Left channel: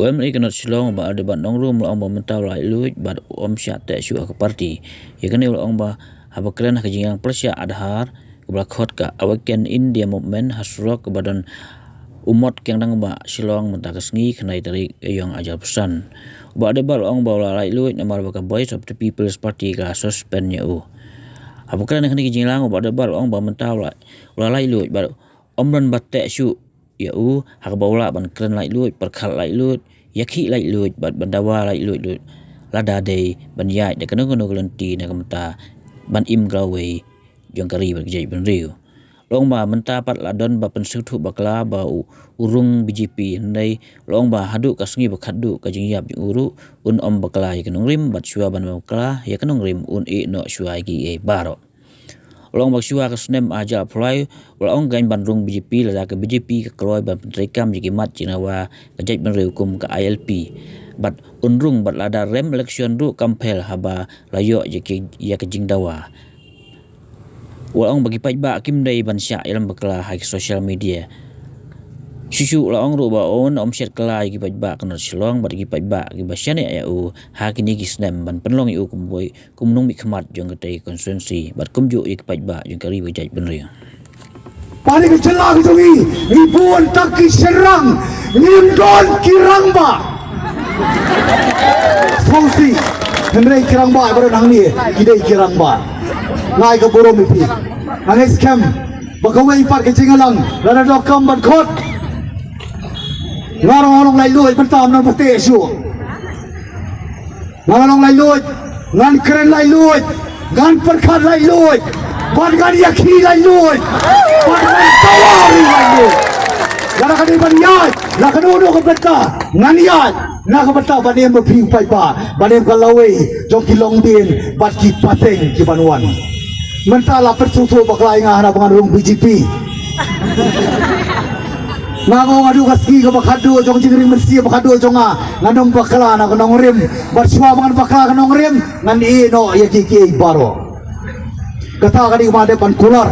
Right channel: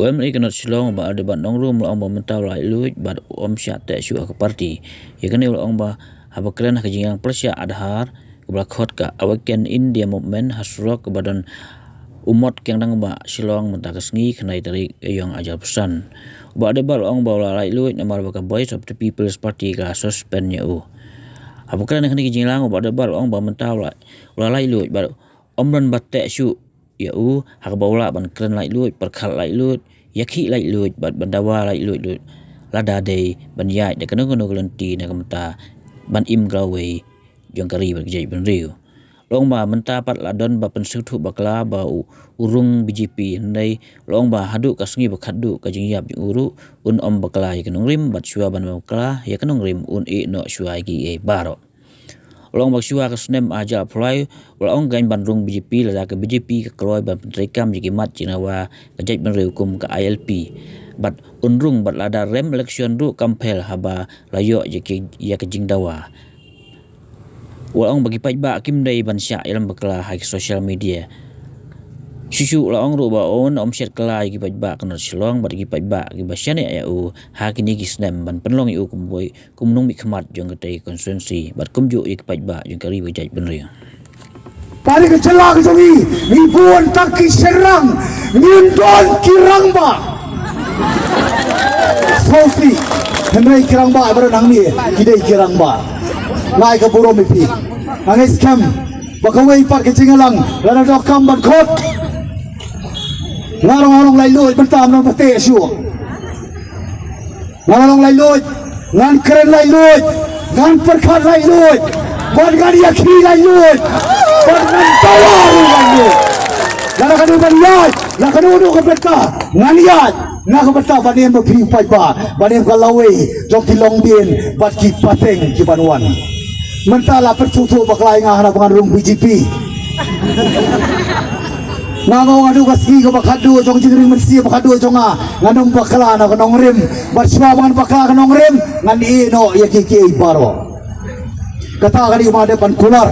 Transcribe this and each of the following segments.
Wem ikanot silong ba ada ban nong rum long ba mentau lai luit ba sya te syu ke parti ya kan long ba habakran ka jingang persya adhar ba khot ka awaken India movement hasrok ke badan umat keng dang ba silong mentakas ngi khnai tarik yang ajar pesan ba ada ba long ba lai luit namar ba ka Voice of the People's Party ka suspend nya u habakran ka jingang ba ada ba long ba mentau lai luit ba omran ba te syu ya u hak baula ban kren lai luit perkhal lai luit yakhi lai luit bat bandawa lai luit lada dei ban yai de kanu kelanti na kamta ban im glawe jong kari ban jai ban riu long ba menta pat ladon ba pensuthu bakla ba urung BJP ndai long ba hadu kasngi bakhadu ka jingyap uru un om bakla ya kanung rim bat shua ban bakla ya kanung rim un e no shua gi e baro long bak shua ka snem aja apply long gain bandrung BJP la ka BJP ka kloi ban pentrekam jiki mat jinawa ka jai ban reukum ka ILP bat unrung bat lada rem election ru kampel haba layo jiki ya ka jingdawa long bagi pai ba kim dai ban sya ilam bakla ha social media Susu long ru ba on set kala gi pai ba kan silong bat gi pai ba gi ba syane ya u ha kini gi snem ban penlong u kumboi kumnung mi khmat jong ka konstituensi bat kumju gi pai ba jong kari ba jai ben ria Paling celak jongi ribuan taki serang ngindon kirang ba Sosi Henry kirang ba baru ni kidai kirang ba lai ka puro mi pi ang scam bakawai pat ke cingalang lada dokam ban khot larong lai luit bentam nan pate syu larong lai luit ngan keren lai luit ngan perkhat lai luit ban gan yakhi lai luit ban gan tawar lai luit lara kan ban yai la kan unu ka beta ngan yai na ka beta ban em ping pai ba ban em ka lawe jong ki long din bat ki pateng ki banwan mentala percucu baklai ngah na bangun BJP ngangong adu kaski ka bakhadu jong jingri mensi bakhadu jonga nganong bakla na kanong rim barswa bangan bakla kanong rim ngan ino yakiki baro kata kali umade pan kular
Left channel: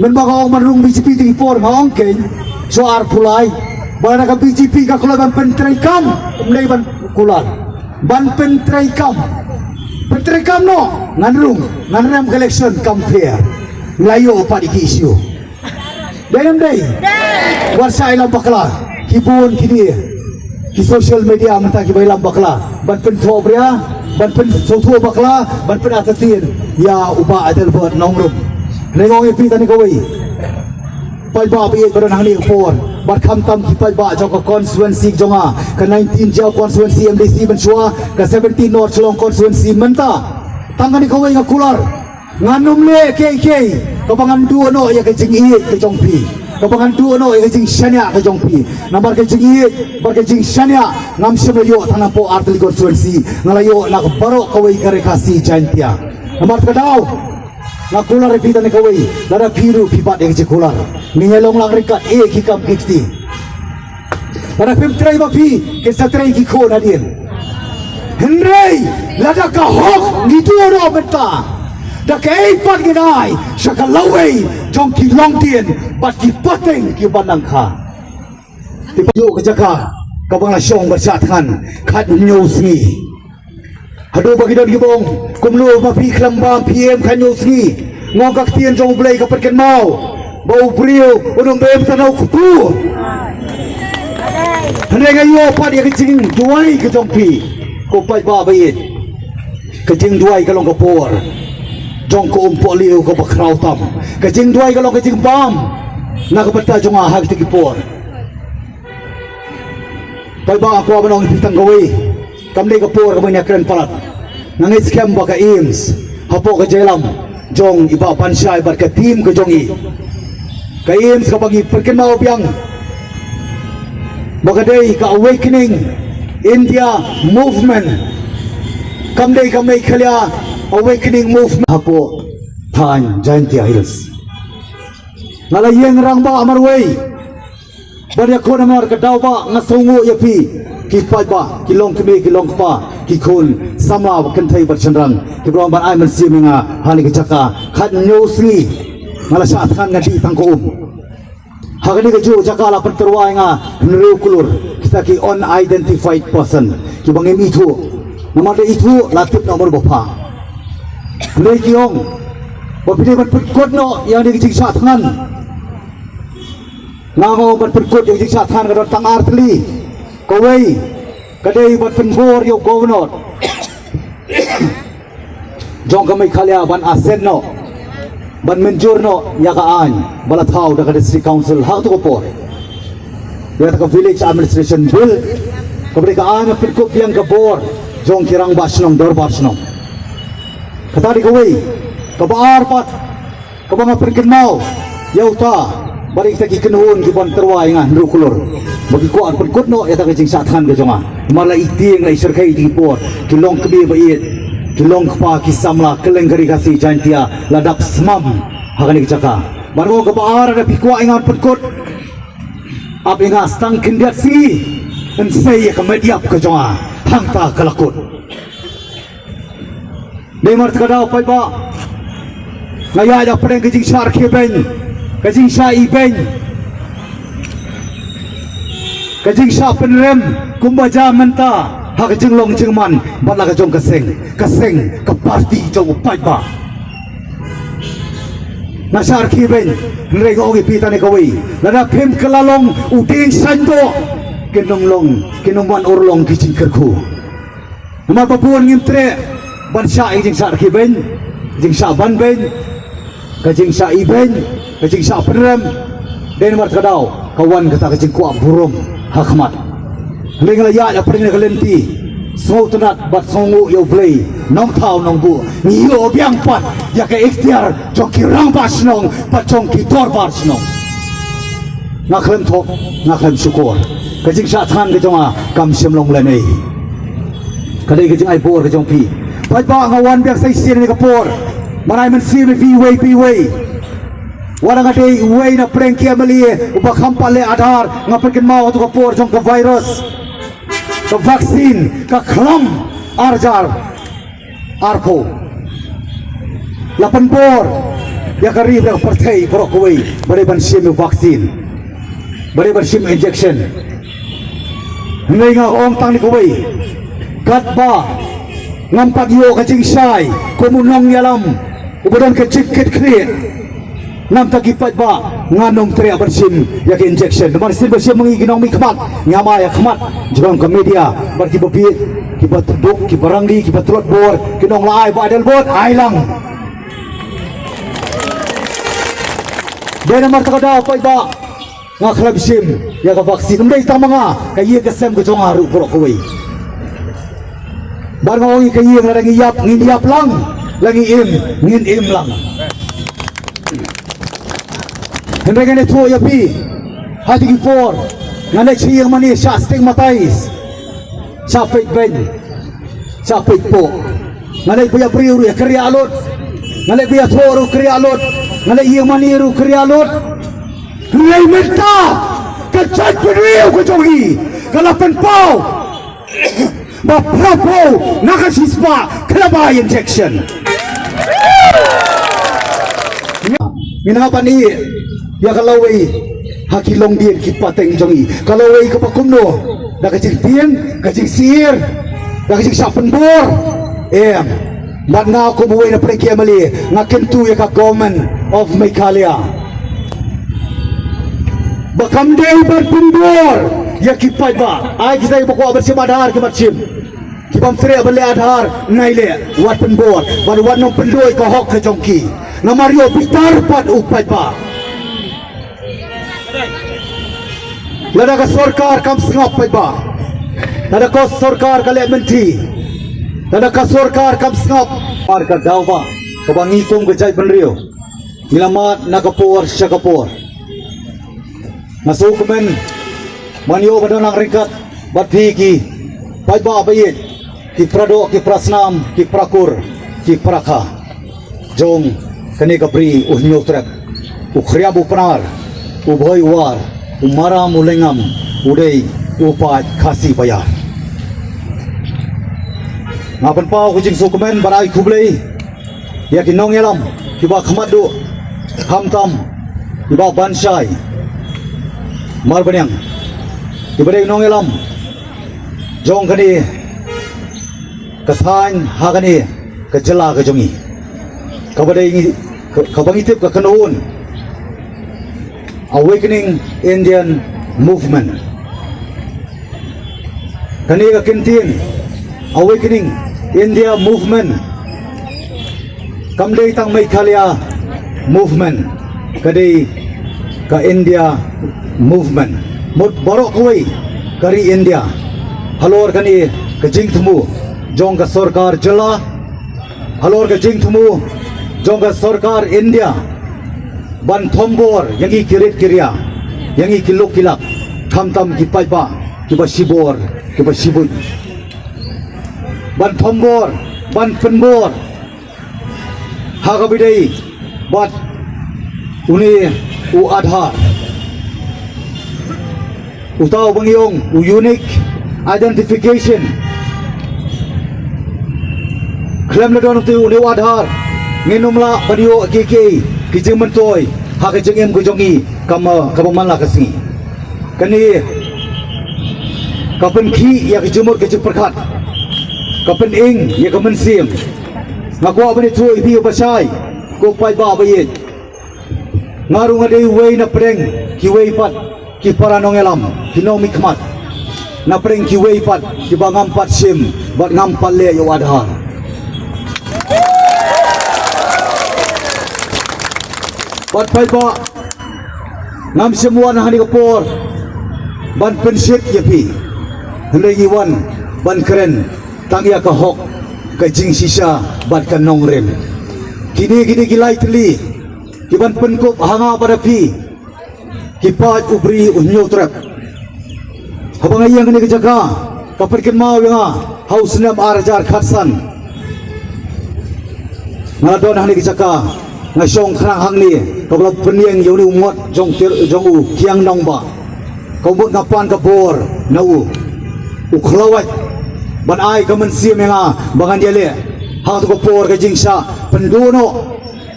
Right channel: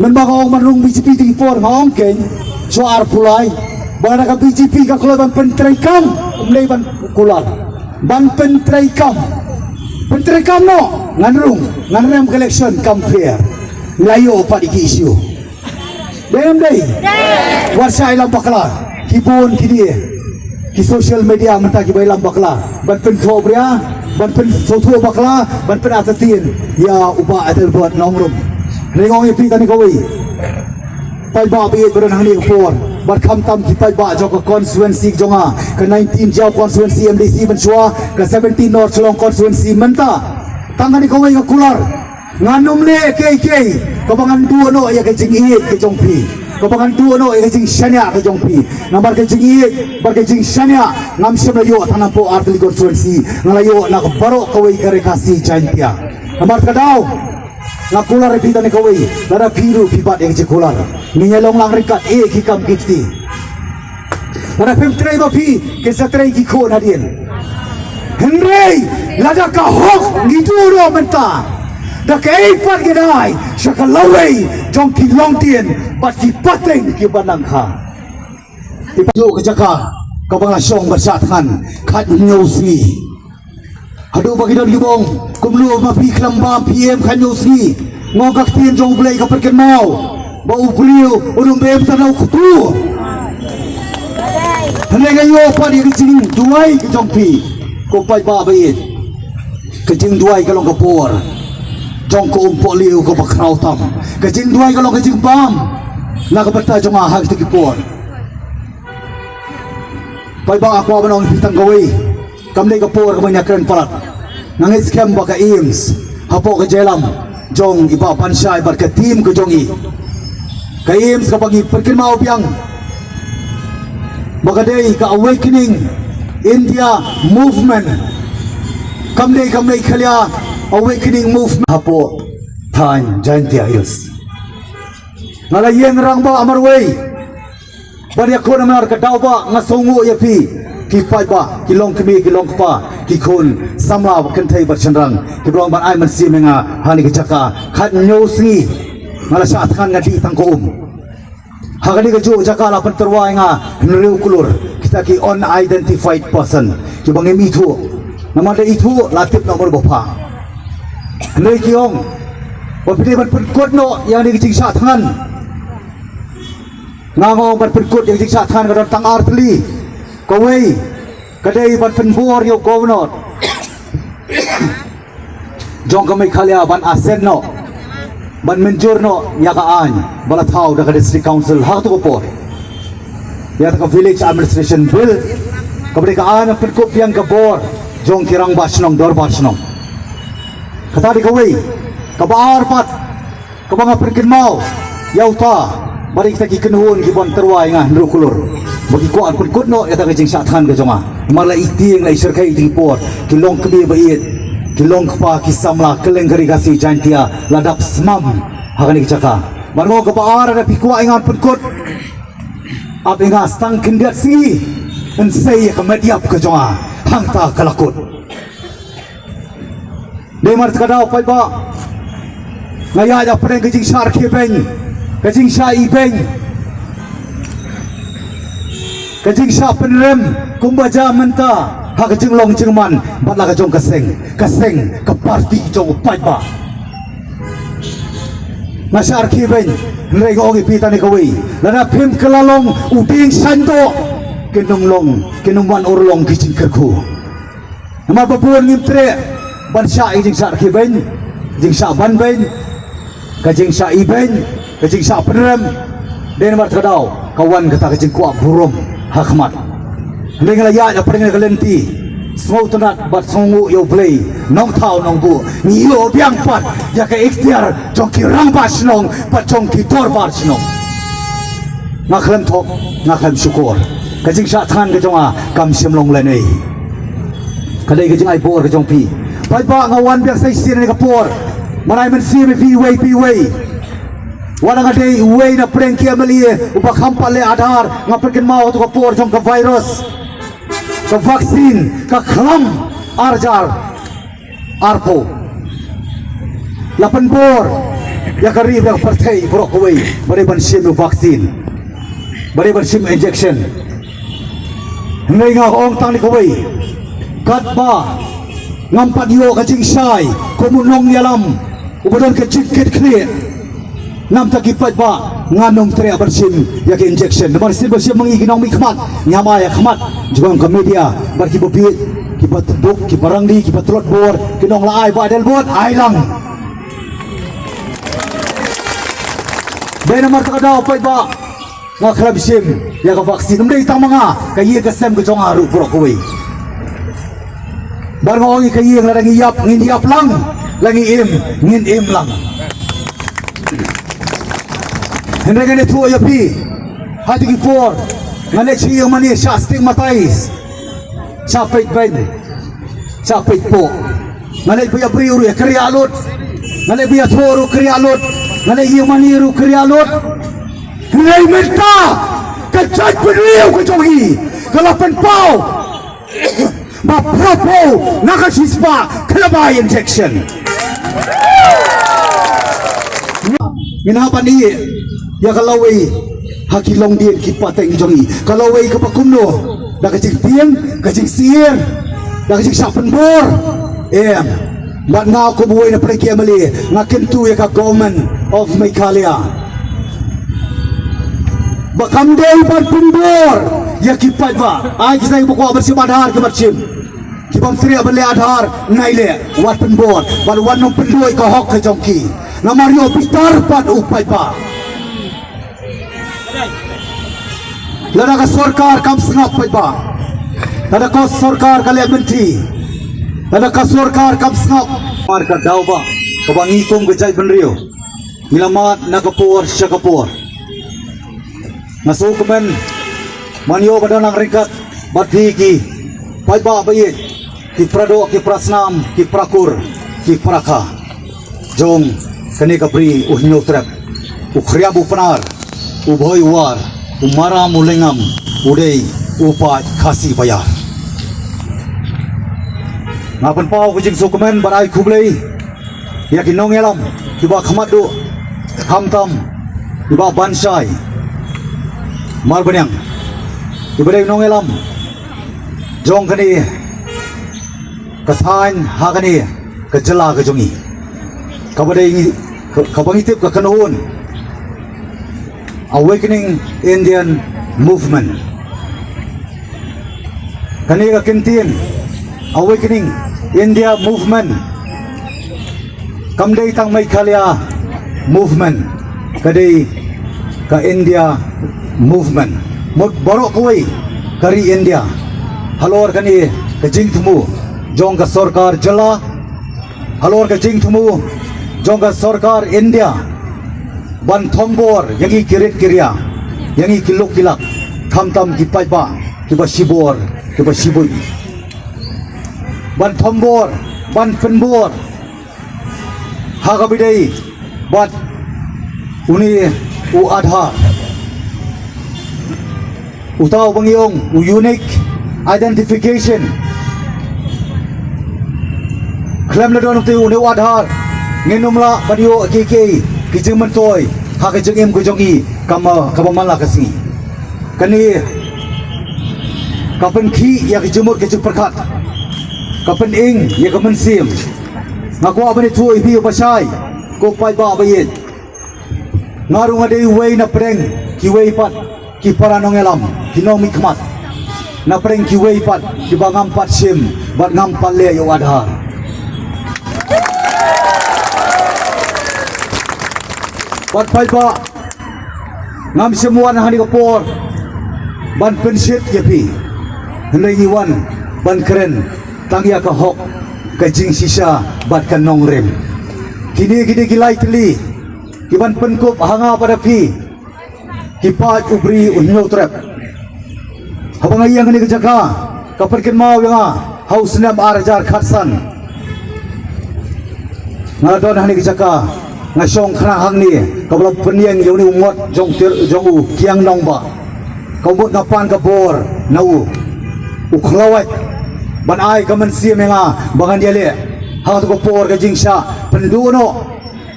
men bagong manung BJP tingpor ngong ken soar pulai bana ka BJP ka kular ban pentrekam umlei ban kular ban pentrekam no nganrung nganrem election compare layo pa di isu dem dei warsa ilam bakla kibun kini ki social media menta ki bailam bakla ban pentro bria ban pen sotu bakla ban pen atatin ya uba ada buat nongrum lengong ipi tani koi pai ba bi beran hani phone ban kham tam ki pai ba jok constituency jonga ke 19 jaw constituency MDC ban shua ke 17 north long constituency menta tangani koi ka kular nganum le KK kabangan dua no ya ke jing iit ke jongpi kabangan dua no ya ke jing shania ke jongpi nambar ke jing iit bar ke jing shania ngam semlayo tanang po artli constituency nglayo nak baro kawai rekasi jaintia nambar kadau nak kular repita ni kawai lara biru pipat yang kular ni helong lang rekat kikam kikti ora pim trai ba pi ke sa trai ki ko nadien Henry lada ka hok gitu ro menta da kay pat gidai sakalaway jong ki long tien bat ki pateng ki banang kha ipajo ke jaka ka banga syong basathan khat news ni hado bagi don gibong kumlo ma pi klamba PM khat news ni ngogak tien jong blai ka perken mau bau beliau unung bem tanau kutu henega yo pat ya kecing duai ke jong pi ko pai ba bait kecing duai ka long ka por jong ko umpo liu ko bakraw tam kajing duai kalau kajing bam na kapata jong ahag tikipor pai ba ako manong pitang gawi kamle ka por ka banya kren palat nangit scam ba ka IMS hapo ka jelam jong iba pansay bar ka team ko jong i ka IMS ka bagi perkin mao biang bagaday ka awakening India movement kamle khalya awakening movement hapo than Jaintia Hills ngalayen rang ba amarway bari ko na mar kadaw ba nga songo yapi kipai ba kilong kbi kilong pa kikun sama kentai bercendrang kibrong ban ai man si menga hani kecaka khat nyosi ngala sa atkan ngadi tangko hagani ka ju jaka la panterwa nga nrew kulur kita ki unidentified person ki bangim itu nama dia itu latip nomor bapa lei ki ong bapide man perkut no yang di kecing sat tangan ngamo man perkut yang kecing sat tangan ka tang artli kawai kadai man penbor yo governor jong kami khalia ban asen no ban menjur no ya ka an bala thau da ka district council hak tu ko ya ka village administration bill kabri ka an perkup yang ka bor jong kirang basnong dor basnong kata di kawai ka baar pat ka mga perkin mau yaw ta bari kita ki kenuhun ki ban terwai ngan rukulur bagi ko an perkut no ya ta ka jing sathan ka jonga mala iting la isir kai ti por ki long kbi bait ki long pa ki samla keleng gari kasi jantia ladap smam hagani chaka margo ka baar na pikwa ingat perkut ab inga stang kindiat si en say ka mediap ka jonga hangta kalakut de mar tkada pai ba ngaya da preng kajing sar kheben kajing sa iben kajing sa penrem kumbaja menta ha kajing long jingman bala ka jong kaseng ka party jong pai ba nasar kheben rego gi pita ni kawi lana phim kalalong uding sando kinungwan urlong kicing kerku nama bapuan ngimtre ban sya jing sa kheben jing sa ban ben kajing sa iben kajing sa penrem den mar tadau kawan kata kajing kuak burom hakmat ringla ya ya pring kalenti smau tanat bat songu yo play nong thau nong bu ni yo biang pat ya ka ikhtiar jongki rang bas nong pat jongki tor bas nong ngaklem thok ngaklem syukur kajing sa than ke jonga kam sim long le nei kadai kajing ai por ke jong pi pai ba ngawan biak sai sir ni ka por marai men sir pi way warang kadai way na preng kia melie uba khampal le adhar ngapekin mau to ka por jong ka virus ka vaksin ka khlam arjar arpo ya penbor ya kari dah partai brokoi bari ban sim vaksin bari ban sim injection ngai ong tang ni koi katba ngampat yo ka jing sai komunong yalam ubadon ka chiket kri nam takipat ba nganong tre bersim ya ke injection nomor sil bersim mengiginong mi khmat nyama ya khmat jong ke media bar ki bopit ki patuduk ki barangli ki patrot bor kinong laai ba del bot ai lang den mar takadaw pa ba nga klab sim ya ka vaksin umdai ta mga kayi ka sem ka jong aru pro koi bar ngi kayi nga ngi yap lang langi ngin im lang Henry gani tuwa ya pi hati ki for nga siya mani siya stigmatize siya fake ben siya fake po nga piya priyo ya krialot nga piya toro krialot nga iya mani ru krialot nga menta kachat priyo ka jogi kalapan pau maprapo nakasispa kalabay injection minapan iya ya kalaway hakilong din kipateng jongi kalaway kapakumno nakajing tiang kajing sir nakajing sapenbor mat nga ako buhay na prekia mali nga kentu ya ka government of Meghalaya bakam day berpenbor ya kipat ba ay kita ibu kuat bersih adhar kematsim kibam tre beli adhar naile wat penbor baru wanong pendoy ka hok ka jongki nga Mario Pitar pat upay ba lada ka sarkar kam sngap pai ba lada ka sarkar kale menti lada ka sarkar kam sngap mar ka daw ba kabangi kong gajay penrio nilamat nakapor siya kapor nasukumen manyo badon ang ringkat badhi ki pai ba bayit ki prado ki prasnam ki prakur ki praka jong kani kapri uhnyo trap ukhrya bupanar ubhoy war umara mulengam udai upat khasi bayar ngapan pau kujing sukumen barai kublei ya kinong yalam kiba khamadu hamtam kiba bansai mar banyang Ibadah nong elam jong kani kesain hakani kejela kejongi kabadai ini kabangitip kekenuun Awakening Indian Movement kani kekintin Awakening India Movement kamdai tang Meghalaya Movement kadai ke India Movement mut borok kuai kari India halor kani kejing temu jong ka sarkar jala halor kejing temu jong ka sarkar India ban thombor yangi kirit kirya yangi kilok kilak tham tam ki paipa ki ba sibor ki ba sibui ban thombor ban penbor hagabidai bat uni u adhar utaw bangyong unique identification klem na don tu ne adhar nginumla padio kiki kijeng mentoy ha kijeng em kujongi kama mana kasi kani kapen ki ya kijumur kijeng perkat kapen ing ya kamen sim ngaku abani tu ibi pasai ko pai ba bayit ngarung ade wei na preng ki wei pat ki paranong elam ki no mikmat na preng ki wei pat ki bangam pat sim bat ngam palle yo adhar bat pai ba ngam semua na hani kapor ban pensit yapi henai wan ban keren tangya ka hok ka jing sisa bat kan nong rem kini gilai teli kiban penkop hanga pada pi kipat ubri unyo trap habang ayang kini kejaga kaperkin mau yang haus nam arajar khatsan ngadon hani kejaga ngasong khrang hang ni kablo peniang yoni umot jong u kiang nong ba kabut ngapan kabor nau uklawat ban ai kamen sim yang bangan dia le ha tu kapor ka jingsa pendono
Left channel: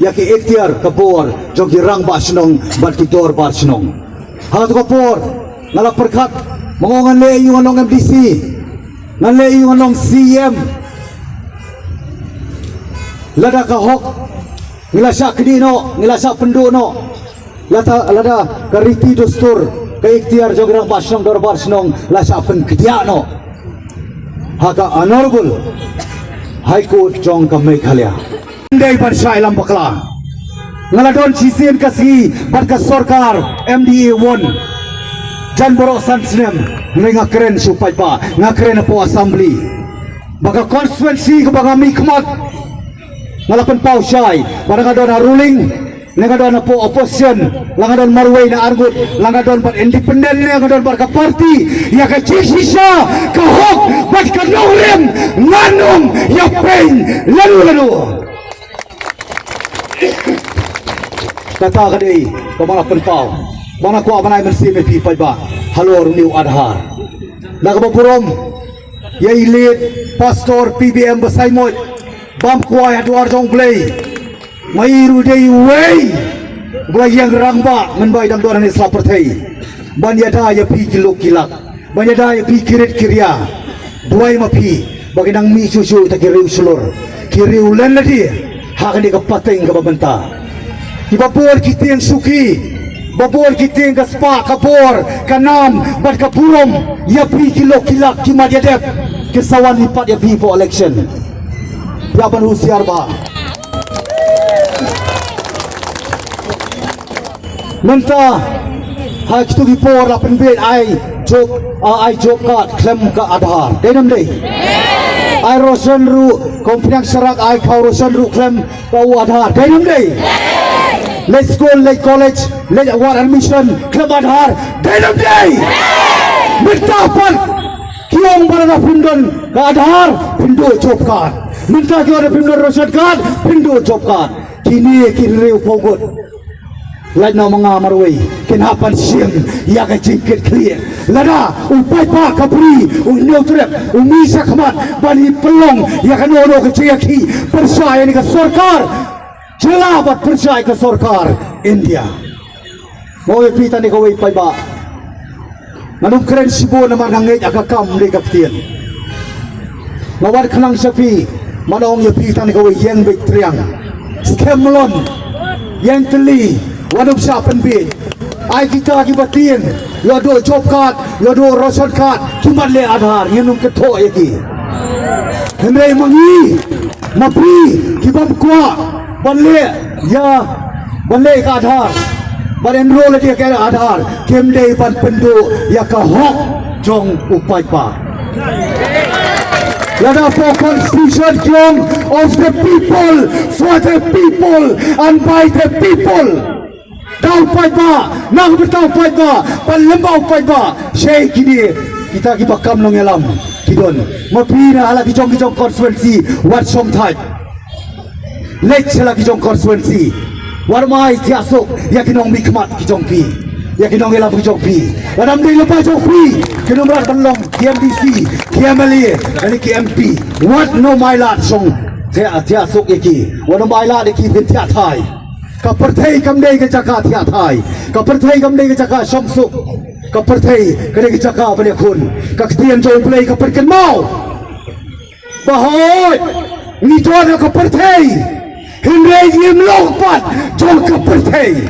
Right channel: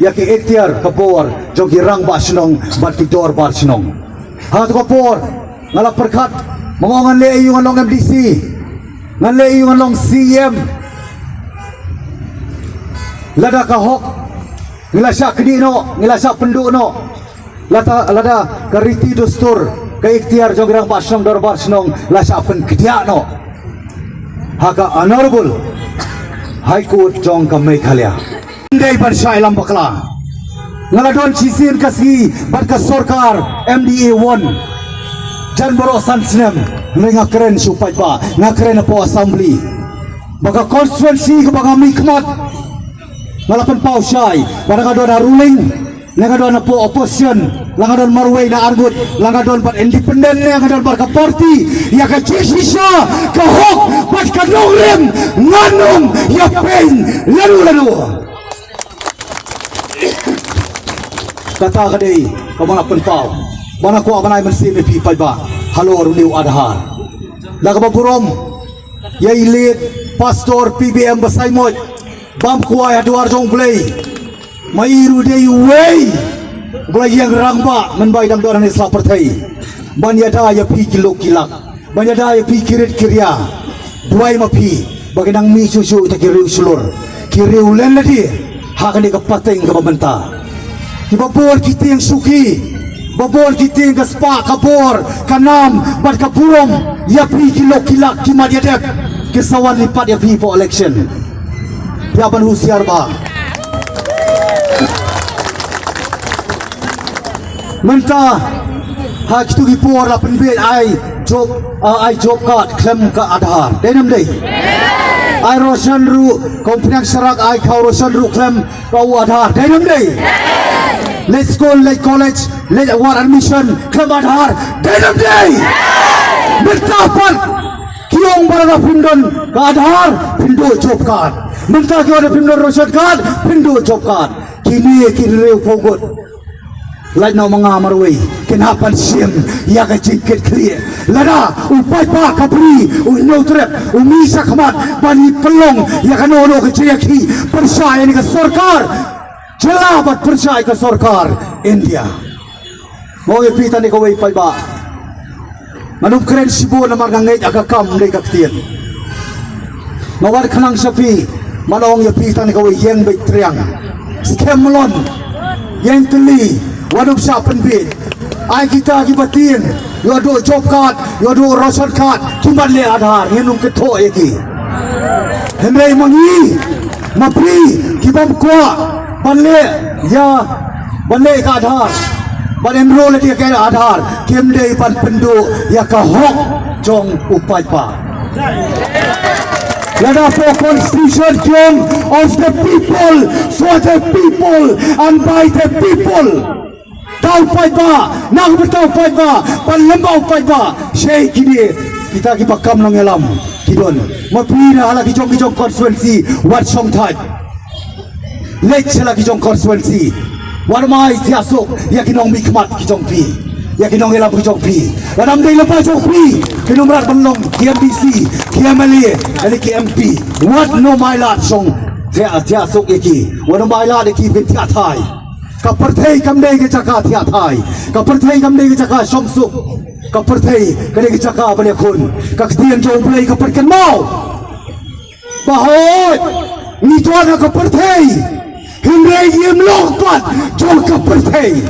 yaki ikhtiar kapor jogi rang ba sinong bat ki dor ba sinong ha tu kapor ngala perkat mongongan le yu ngalong MDC ngale yu ngalong CM lada ka hok ngilasa kedino ngilasa pendono lada kariti dostur ka ikhtiar jogi rang ba sinong dor ba sinong lasa pen kediano haka honorable High Court jong ka Meghalaya Day Barsai lam bakla ngaladon chisin kasi barka sarkar MDA 1 jan boro sansnem nga keren supai pa nga keren po assembly baga constituency ko baga mikmat ngalapan pau syai ngadon ruling ngadon po opposition ngadon marway na argut ngadon par independent ngadon barka party ya ka chisisa ka hok bat ka nongrim nganum ya pain lalu kata kadai kamana penpau mana ko abanay mensi me pi ba halor niu adhar laga bapurom ya ilit pastor PBM basai moy bam kuai aduar jong play mai ru dei wei glai yang rangba men bai dam doran isla perthai ban ya da ya pi kilo kilak ban ya da ya pi kirit kirya duai ma pi baginang mi susu ta kiriu sulur kiriu len ladi hakani ka pateng ka babenta Ibabor kita yang suki, babor kita yang kaspa kapor, kanam, bat kapurom, ya pri kilo kilak kima diadep, kesawan lipat ya pri for election. Piaban usiar ba. Menta, hak itu gipor la penbet ai job card klem ka adhar. Denam dei. Ai rosan ru komplek serak ai kau rosan ru klem kau adhar. Denam dei. Let's go, let's college, let's war admission, club adhar, denam day. Bertapan, kiong barang pindon ke adhar, pindo job card. Minta kiong pindon rosad card, pindo job card. Kini reu pogot. Lai no mga marway, kinapan siyem, ya ka jingkit kriye. Lada, upay pa kapri, unyautrep, umisa kamat, bani pelong, ya ka nono ka jingki, persaya ni ka sarkar. Jelabat percaya ke sarkar India. Mau pita ni kau ipai ba. Manum keren sibo na manangit akakam ni kaktian. Mawar kelang sapi, manong yapi tan kau yang baik triang. Skamlon, yang teli, wadup siapan bit. Ai kita kibatin, lo dua job card, lo dua rosan card, kibat le adhar, yenung ketok lagi. Henai mangi, mapri, kibam kuat, banle, ya, banle ke adhar. Ban enroll dia ke adhar, kem day pan pendu ya ka hok jong upai pa. Lada for constitution jong of the people, for the people and by the people. Dau pai pa, nang betau pai pa, pan lembau pai pa. Syekh kini kita ki bakam long elam kidon. Mapira ala ki jong constituency wat song thai. Lek sela ki jong constituency. Warmai tiasuk yakinong mikmat kijong pi yakinong elam kijong pi dalam day lepas jong pi kinong rat banglong KMDC KMLA ani KMP what no mailat song tiasuk yaki wano mailat yaki bin tia thai kaperthai kamdei ke jaka tia thai kaperthai kamdei ke jaka song suk kaperthai kane ke jaka bane khun kaktian jong play kaperkan mau bahoy ni tuan kaperthai Henry Yim Long Pat Jol Kaperthai